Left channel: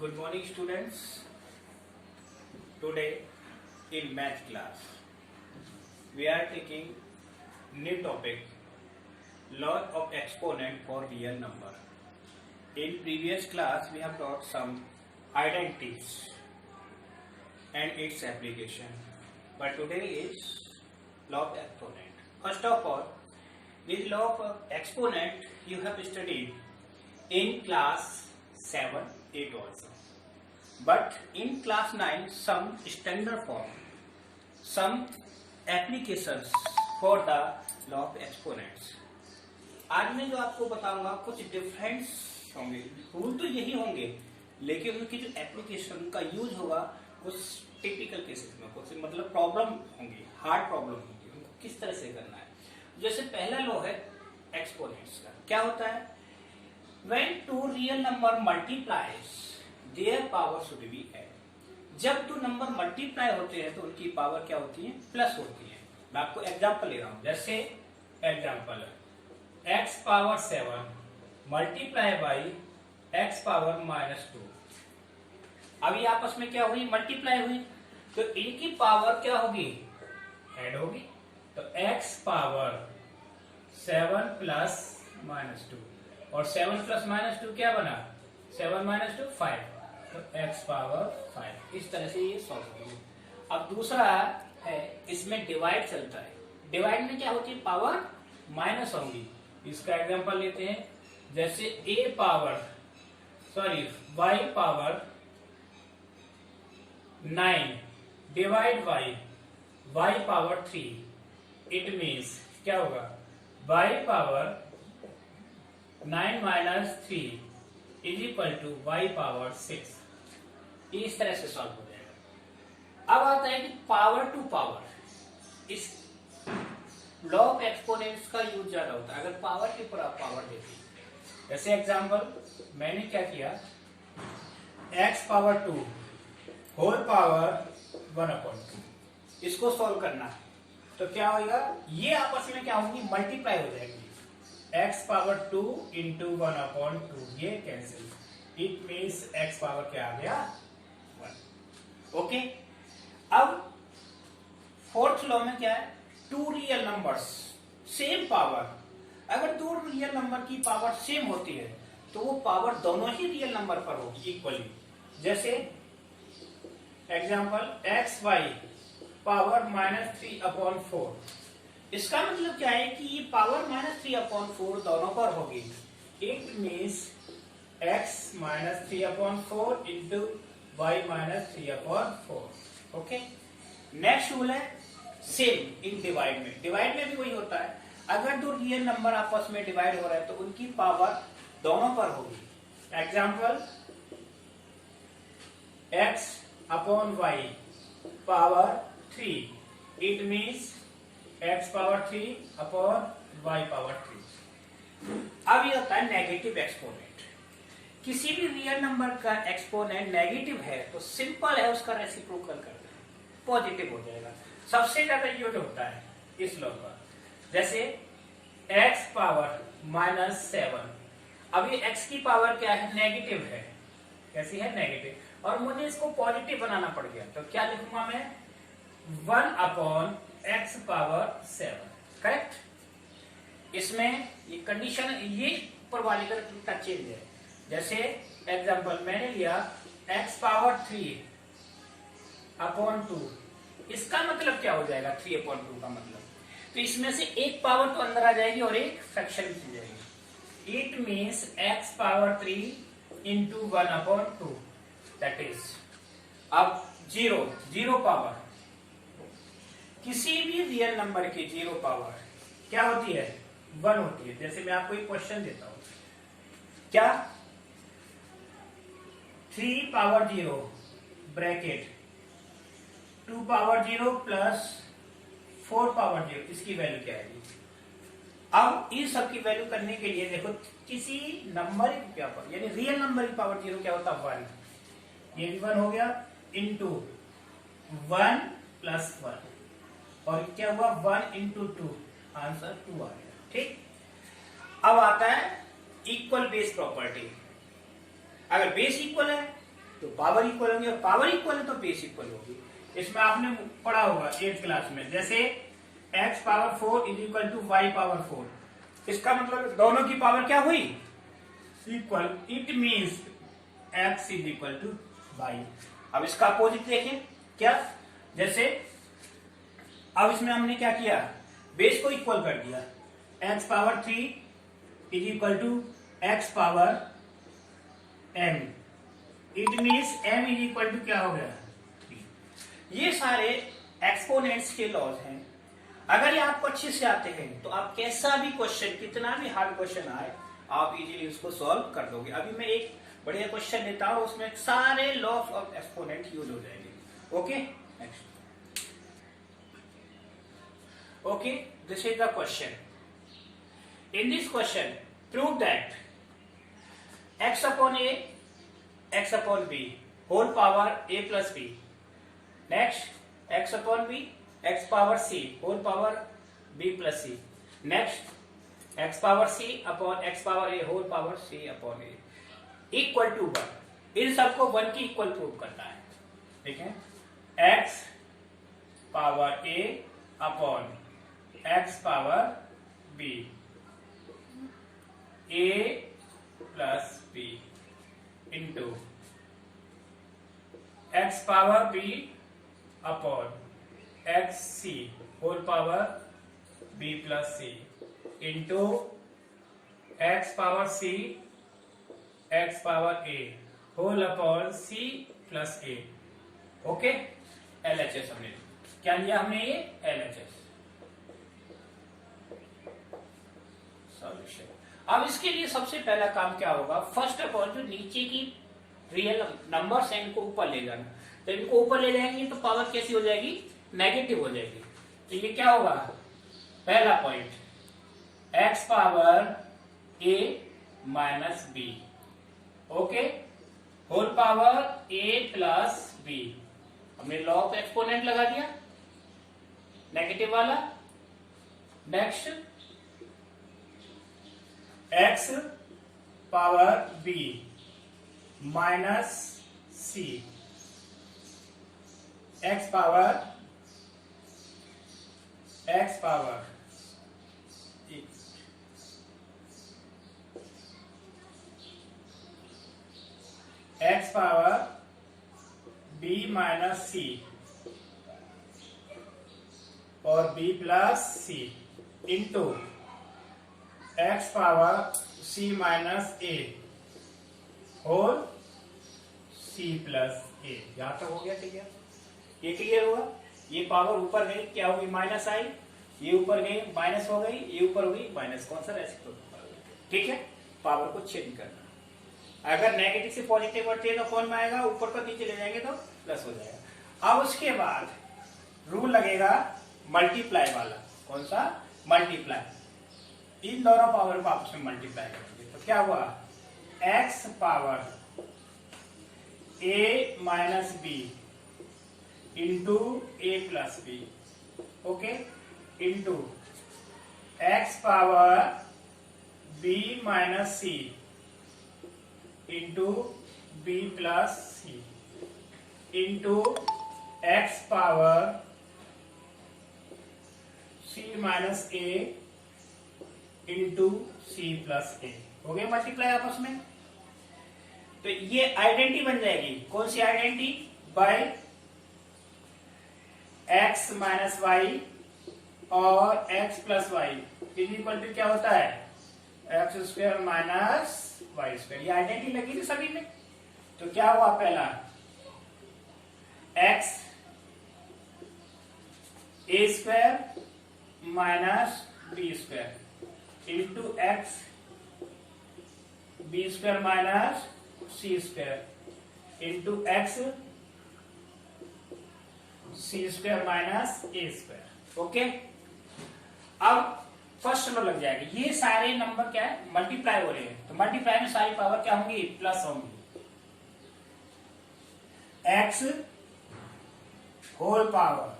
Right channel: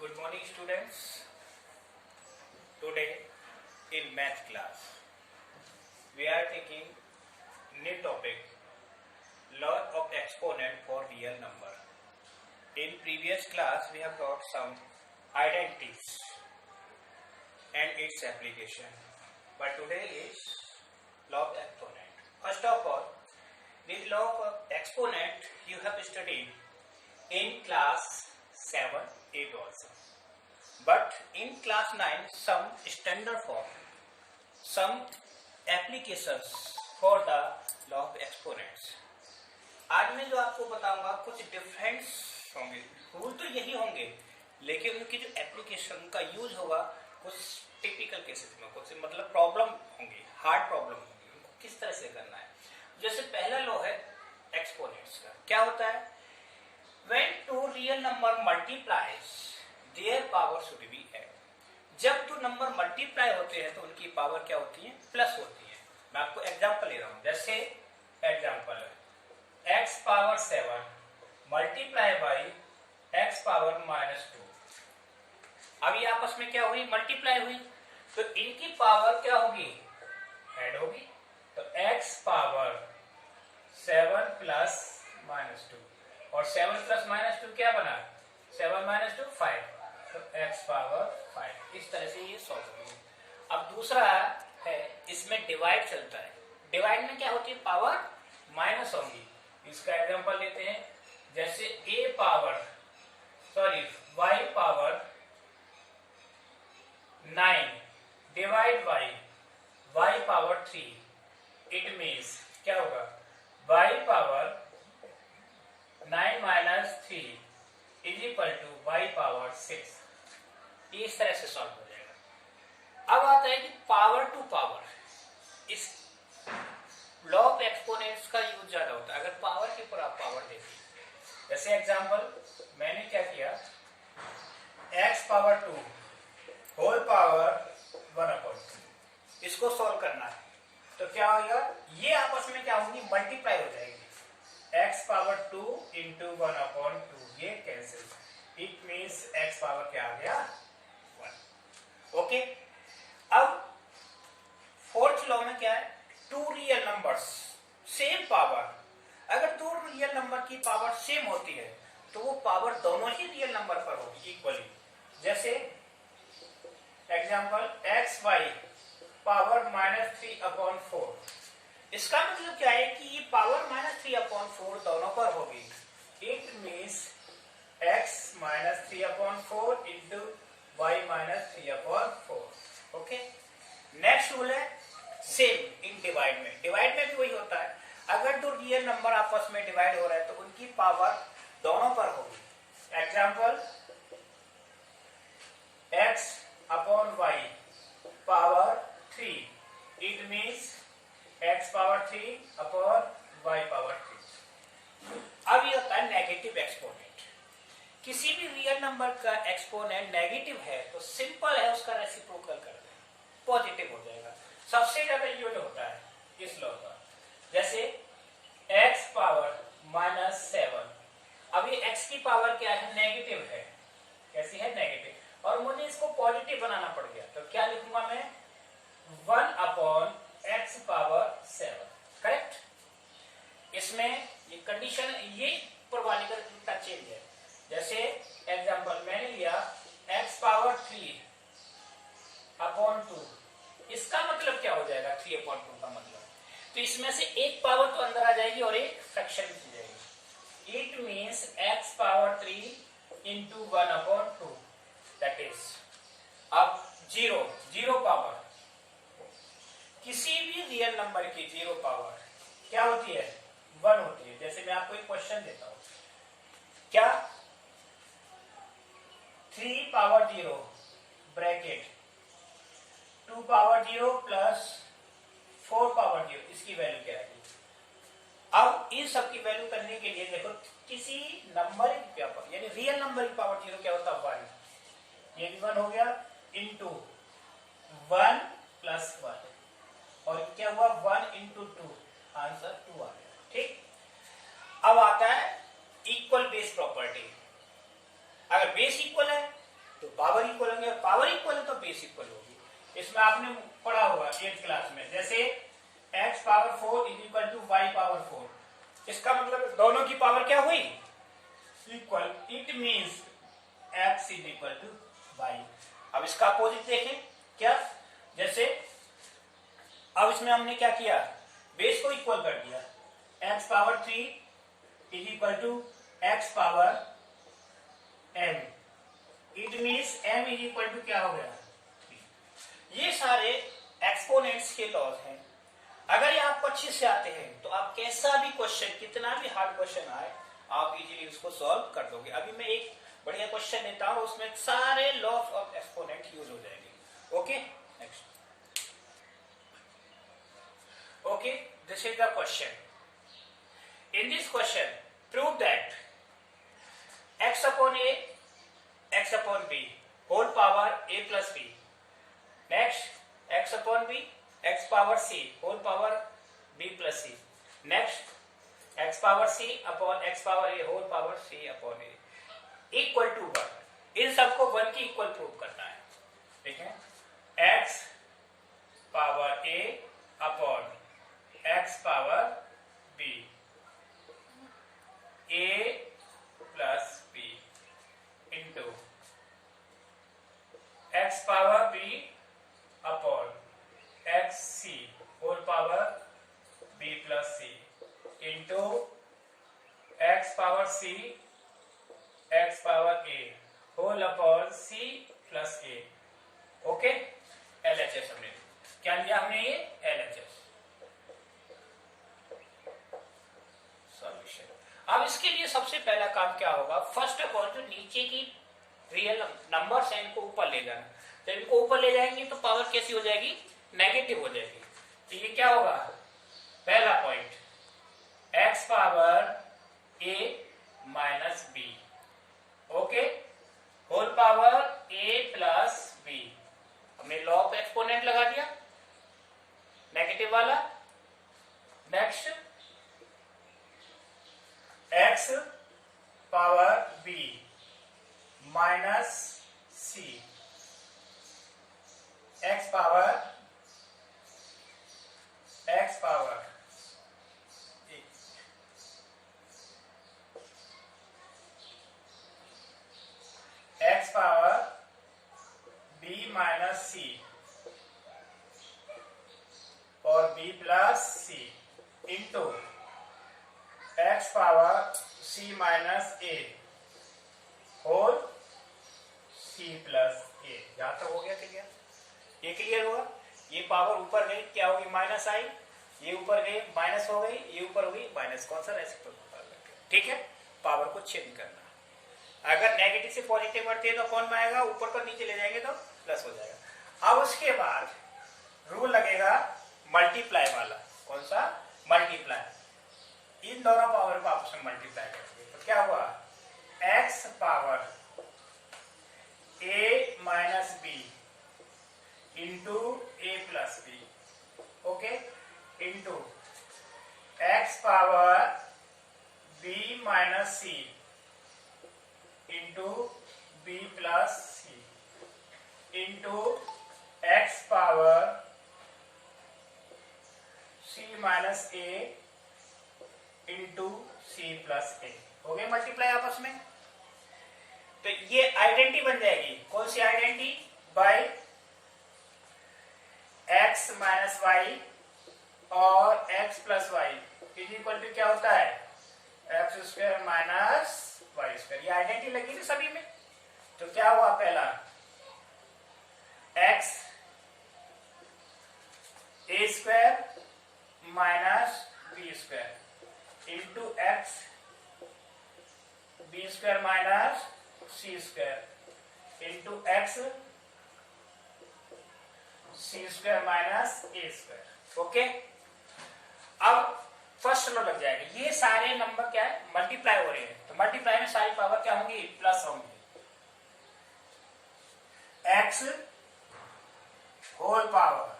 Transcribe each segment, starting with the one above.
Good morning, students. Today in math class we are taking new topic, law of exponent for real number. In previous class we have taught some identities and its application, but today is law of exponent. First of all, this law of exponent you have studied in class 7, 8 also. But in class 9 some standard form, some applications for the law of exponents. आज मैं जो आपको बताऊंगा कुछ difference होंगे, rule तो यही होंगे, लेकिन उनकी जो एप्लीकेशन का यूज होगा कुछ टिपिकल केसेस में, कुछ मतलब प्रॉब्लम होंगी, हार्ड प्रॉब्लम होंगी, उनको किस तरह से करना है। जैसे पहला लॉ है एक्सपोनेंट्स का, क्या होता है? When two real number multiplies, their power should be added. जब दो नंबर मल्टीप्लाई होते हैं तो उनकी पावर क्या होती है? प्लस होती है। मैं आपको एग्जांपल ले रहा हूं, जैसे एग्जांपल है x power 7 multiply by x power -2। अब ये आपस में क्या हुई? मल्टीप्लाई हुई, तो इनकी पावर क्या होगी? ऐड होगी। तो x पावर 7 प्लस -2 और 7 प्लस -2 क्या बना? 7 -2 5, तो x पावर 5। इस तरह से ये सॉल्व होगी। अब दूसरा है, इसमें डिवाइड चलता है। डिवाइड में क्या होती है? पावर माइनस होगी। इसका एग्जांपल लेते हैं, जैसे y power 9 divide by y power 3। It means क्या होगा? y power 9 minus 3 is equal to y power 6। इस तरह से सॉल्व हो जाएगा। अब आता है कि पावर टू पावर, इस लॉ ऑफ एक्सपोनेंट्स का यूज ज्यादा होता है अगर पावर के ऊपर आप पावर देते हैं। जैसे एग्जांपल मैंने क्या किया, x पावर 2 होल पावर 1/2, इसको सॉल्व करना है तो क्या होगा? ये आपस में क्या होंगी? मल्टीप्लाई हो जाएगी। x पावर 2 इंटू 1/2, ये cancel, it means x power क्या आ गया? 1। ओके, अब फोर्थ लॉ में क्या है? Two real numbers same power, अगर दो रियल नंबर की पावर सेम होती है तो वो पावर दोनों ही रियल नंबर पर होगी इक्वली। जैसे एग्जांपल xy पावर -3/4, इसका मतलब क्या है कि ये पावर -3/4 दोनों पर होगी। It means x -3/4 into y -3/4। Okay, next rule है सेम इन डिवाइड में। डिवाइड में भी वही होता है, अगर दो रियल नंबर आपस में डिवाइड हो रहे हैं तो उनकी पावर दोनों पर होगी। Example x/y power 3, it means x power 3/y power 3। अब ये होता है नेगेटिव एक्सपोनेंट। किसी भी रियल नंबर का एक्सपोनेंट नेगेटिव है तो सिंपल है, उसका रेसिप्रोकल कर दें, पॉजिटिव हो जाएगा। सबसे ज्यादा यूज होता है इस लॉ का। जैसे x पावर -7, अब ये x की पावर क्या है? नेगेटिव है। कैसी है? नेगेटिव। और मुझे इसको पॉजिटिव बनाना पड़ गया, तो क्या लिखूंगा मैं? 1/x power 7। करेक्ट। इसमें ये कंडीशन, ये ऊपर वाले का चेंज है। जैसे एग्जांपल मैंने लिया x पावर 3/2, इसका मतलब क्या हो जाएगा? 3/2 का मतलब, तो इसमें से एक पावर तो अंदर आ जाएगी और एक फ्रैक्शन की जाएगी। It means x power 3 into 1/2, that is अब 0 पावर। किसी भी रियल नंबर की 0 पावर क्या होती है? 1 होती है। जैसे मैं आपको एक क्वेश्चन देता हूं, क्या 3 power 0 bracket 2 power 0 plus 4 power 0, इसकी वैल्यू क्या आएगी? अब इन सब की वैल्यू करने के लिए देखो, किसी नंबर की क्या पावर, यानी रियल नंबर की पावर 0 क्या होता है? 1। ये भी 1 हो गया, इंटू 1 प्लस 1, और क्या हुआ? 1 इंटू 2, आंसर 2 आ गया। ठीक। अब आता है इक्वल बेस प्रॉपर्टी। अगर बेस इक्वल है तो पावर इक्वल होंगे, पावर इक्वल है तो बेस इक्वल होगी। इसमें आपने पढ़ा होगा 8th क्लास में, जैसे x power 4 is equal to y power 4। इसका मतलब दोनों की पावर क्या हुई? Equal. It means x is equal to y। अब इसका अपोजिट देखें क्या, जैसे अब इसमें हमने क्या किया, बेस को इक्वल कर दिया। x power 3 is equal to x power m। It means m is equal to क्या हो गया? 3। ये सारे एक्सपोनेंट्स के लॉज हैं। अगर ये आपको अच्छे से आते हैं तो आप कैसा भी क्वेश्चन, कितना भी हार्ड क्वेश्चन आए, आप इजीली उसको सॉल्व कर दोगे। अभी मैं एक बढ़िया क्वेश्चन लेता हूं, उसमें सारे लॉज ऑफ एक्सपोनेंट यूज हो जाएंगे। Okay, next. Okay, this is the question. In this question prove that x upon a, x upon b whole power a plus b. Next, x upon b, x power c whole power b plus c. Next, x power c upon x power a whole power c upon a equal to 1। इन सबको 1 की equal prove करना है। ठीक है, x power a upon x power b, a plus b into x power b upon x c whole power b plus c into x power c x power a whole upon c plus a। Okay, LHS हमने क्या लिया, हमने ये LHS solution. अब इसके लिए सबसे पहला काम क्या होगा, फर्स्ट ऑफ ऑल जो नीचे की रियल नंबर्स हैं इनको ऊपर ले जाना। तो इनको ऊपर ले जाएंगे तो पावर कैसी हो जाएगी, नेगेटिव हो जाएगी। तो ये क्या होगा, पहला point x power a minus b, okay, whole power a plus b। हमने लॉ ऑफ एक्सपोनेंट लगा दिया नेगेटिव वाला। Next, x power b minus c, x power x power b minus c और b plus c into x power c minus a whole c plus a। यहां तक हो गया? ठीक है, ये क्लियर हुआ। ये पावर ऊपर गई क्या होगी, माइनस आई, ये ऊपर गई माइनस हो गई, ये ऊपर हो गई माइनस। कौन सा रेसिप्रोकल? ठीक है, पावर को चेंज करना। अगर नेगेटिव से पॉजिटिव बढ़ती है तो कौन में आएगा, ऊपर को नीचे ले जाएंगे तो प्लस हो जाएगा। अब उसके बाद रूल लगेगा मल्टीप्लाई वाला। कौन सा? मल्टीप्लाई। इन दोनों पावर को आपस में मल्टीप्लाई करेंगे तो क्या हुआ, x power a minus B into A plus B, okay, into x power b minus c into b plus c into x power c minus a into c plus a। हो गए multiply आपस में। तो ये identity बन जाएगी। कौन सी identity? By x minus y और x plus y is equal to क्या होता है, x square minus y square. ये आइडेंटिटी लगी थी सभी में। तो क्या हुआ, पहला x a square minus B square into X B square minus C square into X C square minus A square. Okay, अब फर्स्ट लो लग जाएगा। ये सारे नंबर क्या है, मल्टीप्लाई हो रहे हैं। तो मल्टीप्लाई में सारी पावर क्या होंगी, प्लस होंगी। X whole power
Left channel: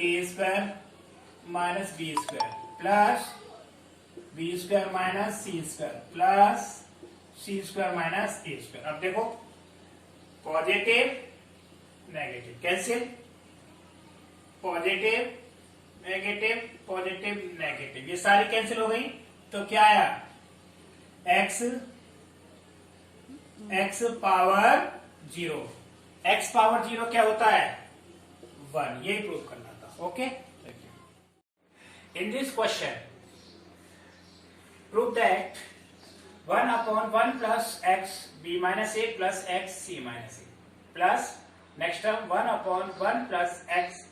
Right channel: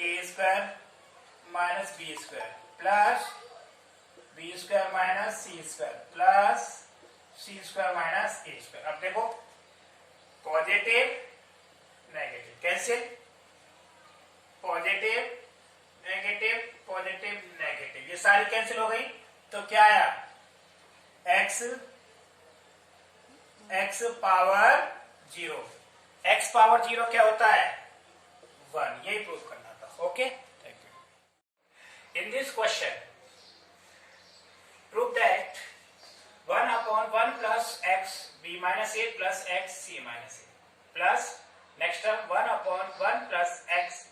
A square minus B square plus B square minus C square plus C square minus A square. अब देखो positive negative, cancel, positive negative positive negative, ये सारी कैंसिल हो गई। तो क्या आया, x पावर 0। x पावर 0 क्या होता है, 1। यही प्रूव करना था। Okay, thank you. In this question prove that 1/1 plus x b minus a plus x c minus a plus next term 1/1 plus x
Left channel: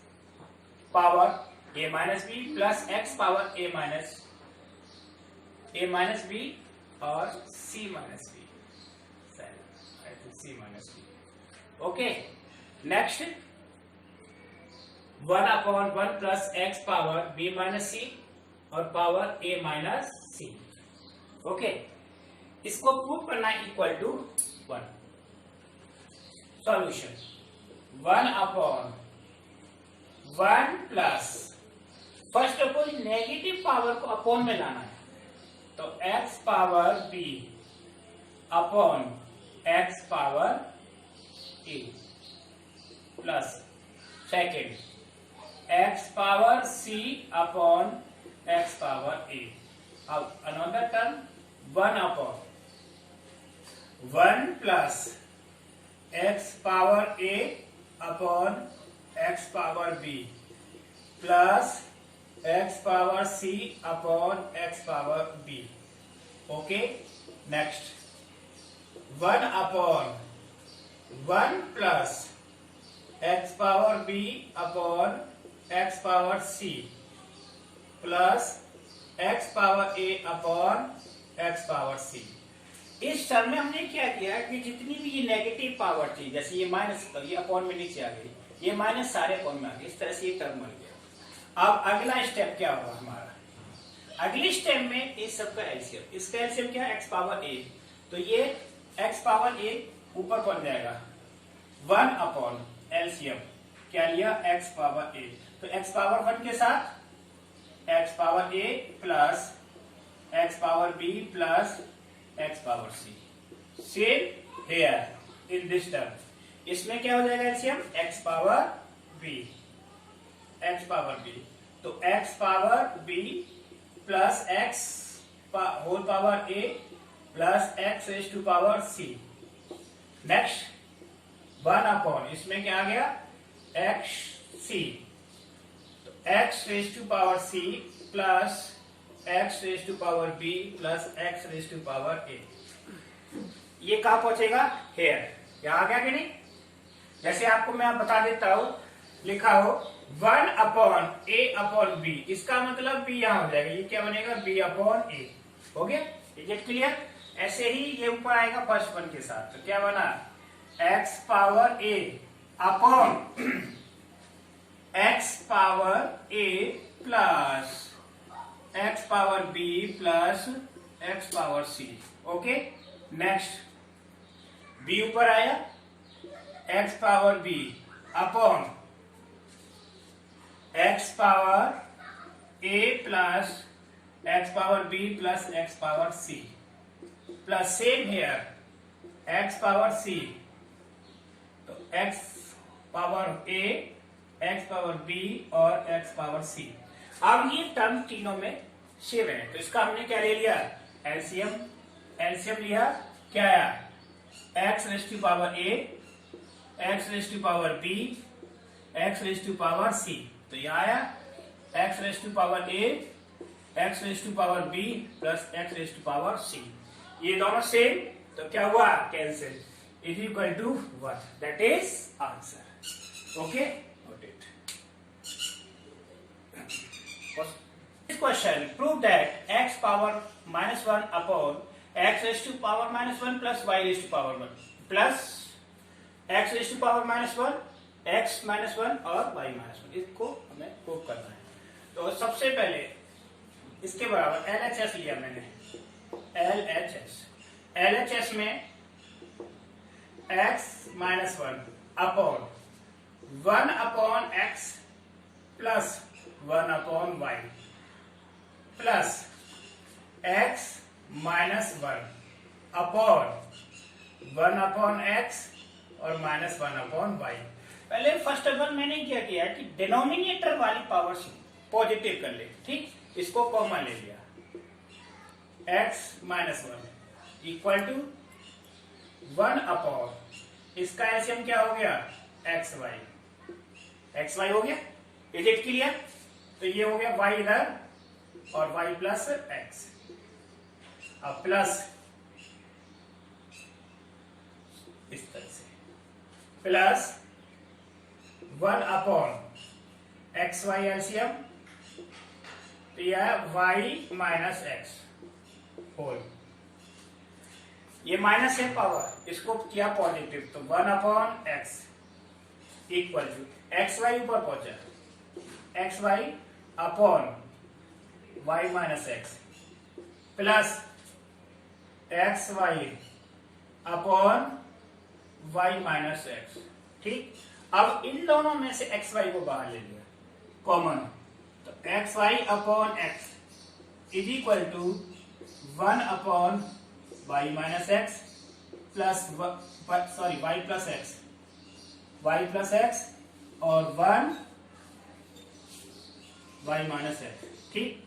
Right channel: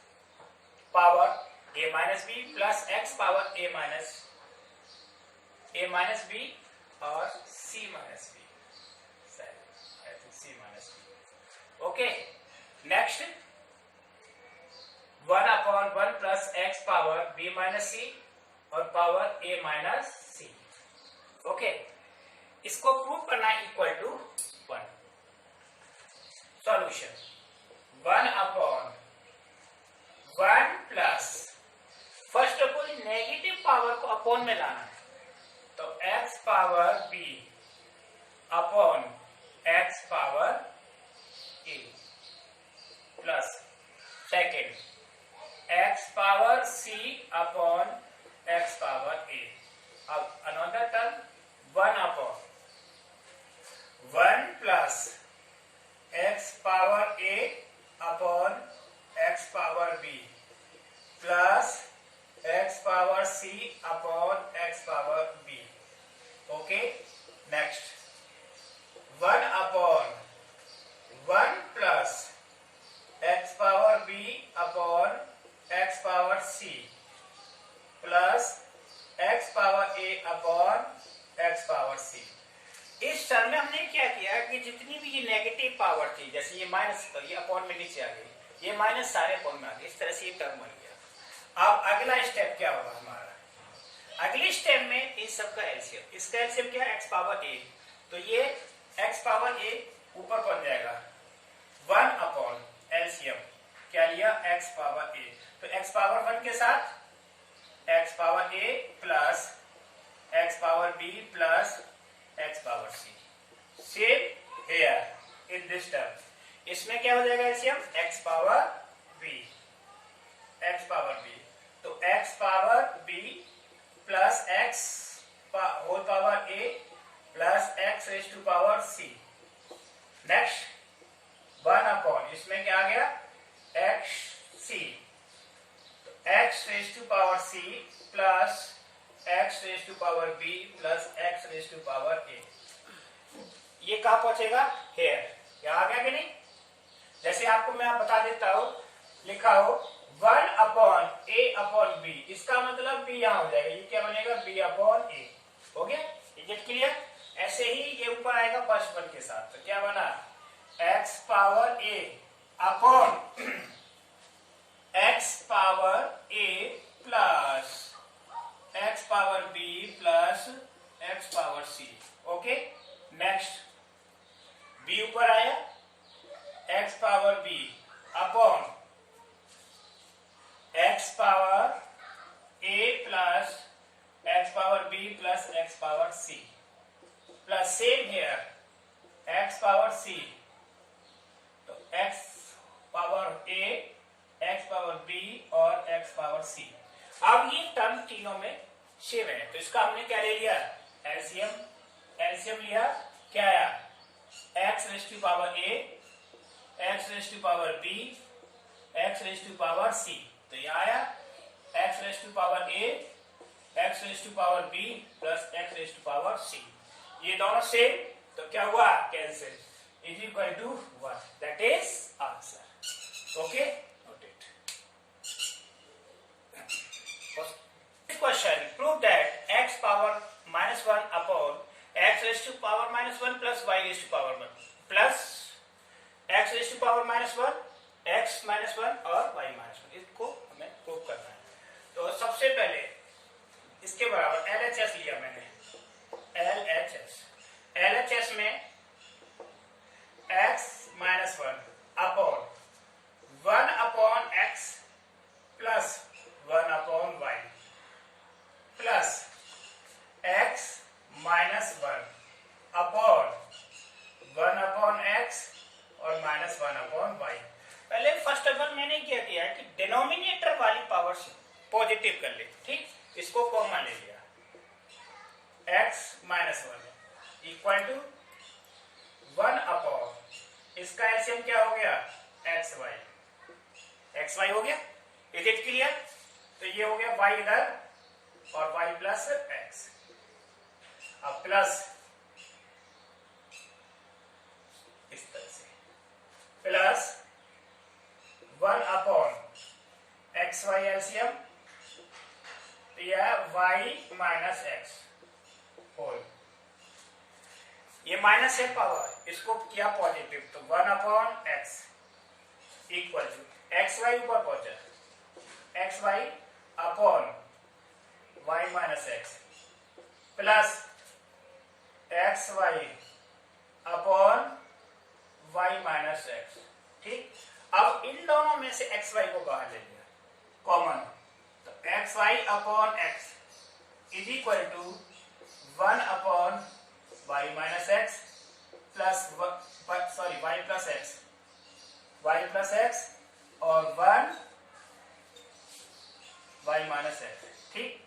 power a minus b plus x power a minus b or c minus b, I think c minus b. Okay, next 1/1 plus x power b minus c और power a minus c। Okay, इसको prove करना equal to 1। Solution 1/1 plus, first of all negative power को upon में लाना है, तो x power b upon x power a plus second x power c upon x power a। अब another term 1/1 plus x power a upon x power b plus x power c upon x power b। Okay, next 1/1 plus x power b upon x power c plus x power a upon x power c। इस term में हमने क्या किया कि जितनी भी ये negative power थी, जैसे ये माइनस, ये अपॉन में नीचे आ गई, ये माइनस सारे अपॉन में आ गए, इस तरह से ये टर्म बन गया। अब अगला स्टेप क्या होगा हमारा, अगले स्टेप में इस सब का एलसीएम, इसका एलसीएम क्या है, x पावर a, तो ये x पावर a ऊपर बन जाएगा 1 अपॉन एलसीएम क्या लिया, x पावर a, तो x पावर 1 के साथ x power a plus x power b plus x power c। Same here in this term, इसमें क्या हो जाएगा LCM, x power b, x power b, तो x power b plus x whole power a plus x raise to power c। Next 1 upon, इसमें क्या आ गया, x c, तो x raise to power c plus x raise to power b plus x raise to power a। ये कहां पहुंचेगा, hair, यहां आ गया कि नहीं। जैसे आपको मैं बता देता हूं, लिखा हो 1 अपॉन a अपॉन b, इसका मतलब b यहां हो जाएगा, ये क्या बनेगा, b अपॉन a। हो गया, गेट क्लियर। ऐसे ही ये ऊपर आएगा फर्स्ट वन के साथ, तो क्या बना, x power a upon x power a plus x power b plus x power c। Okay, next b ऊपर आया, x power b upon x power a plus x power b plus x power c plus same here x power c, तो x power a, x power b और x power c। अब ये term तीनों में same है, तो इसका हमने क्या ले लिया, एलसीएम, एलसीएम लिया, क्या आया, x raise to power a, x raise to power b, x raise to power c, तो यह आया x raise to power a, x raise to power b plus x raise to power c। ये दोनों same, तो क्या हुआ, cancel, is equal to 1, that is answer. Okay, note it. Question, prove that x power minus 1 upon x raised to power minus 1 plus y raised to power 1 plus x raised to power minus 1, x minus 1 और y minus 1, इसको हमें prove करना है। तो सबसे पहले इसके बराबर LHS लिया मैंने, LHS में x minus 1 upon 1 upon x plus 1 upon y plus x minus 1 upon 1 upon x और -1/y। पहले फर्स्ट अगर मैंने क्या किया कि डिनोमिनेटर वाली पावर से पॉजिटिव कर ले, ठीक, इसको कॉमन ले लिया, x -1 इक्वल टू 1/, इसका एलसीएम क्या हो गया, xy हो गया। Is it clear? तो ये हो गया y इधर और y प्लस x, अब प्लस इस तरह से प्लस 1/xy एलसीएम, तो यह y माइनस एक्स होल, ये माइनस है पावर, इसको किया पॉजिटिव, तो 1/x इक्वल टू xy ऊपर पहुंचा, xy upon y minus X plus xy upon y minus x. ठीक, अब इन दोनों में से xy को बाहर ले लिया कॉमन, तो xy upon x is equal to 1/y minus X plus y plus X और 1 y माइनस एक्स। ठीक,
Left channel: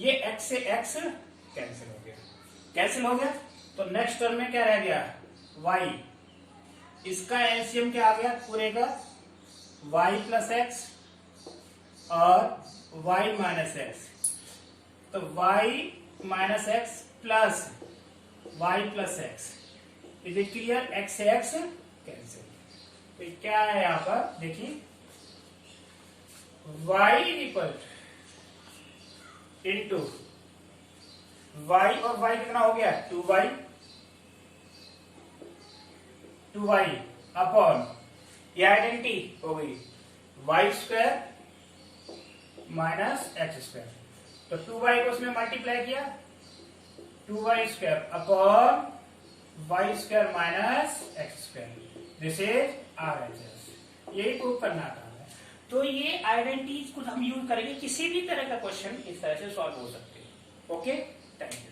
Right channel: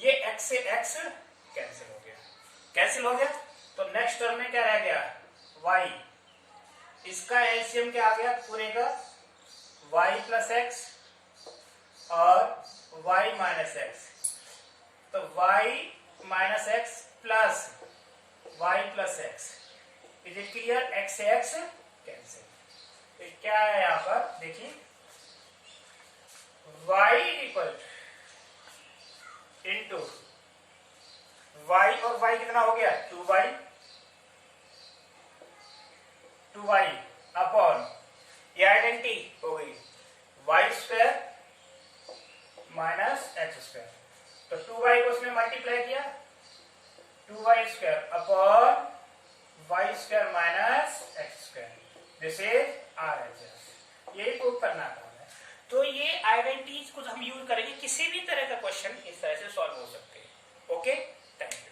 ये x से x कैंसिल हो गया, तो नेक्स्ट टर्म में क्या रह गया, y, इसका एलसीएम क्या आ गया पूरे का, y प्लस एक्स और y माइनस एक्स, तो y minus X plus y plus x. Is it clear? x से x कैंसिल, तो क्या है यहां पर देखिए, y इक्वल इंटू y और y कितना हो गया, 2y अपॉन, ये आइडेंटिटी हो गई y square minus x square, तो 2y को उसमें मल्टीप्लाई किया, 2y square upon y square minus x square, this is RHS। यही प्रूव करना काम है। तो ये आइडेंटिटीज को हम यूज करेंगे, किसी भी तरह का क्वेश्चन इस तरह से सॉल्व हो सकते हैं। Okay, thank you.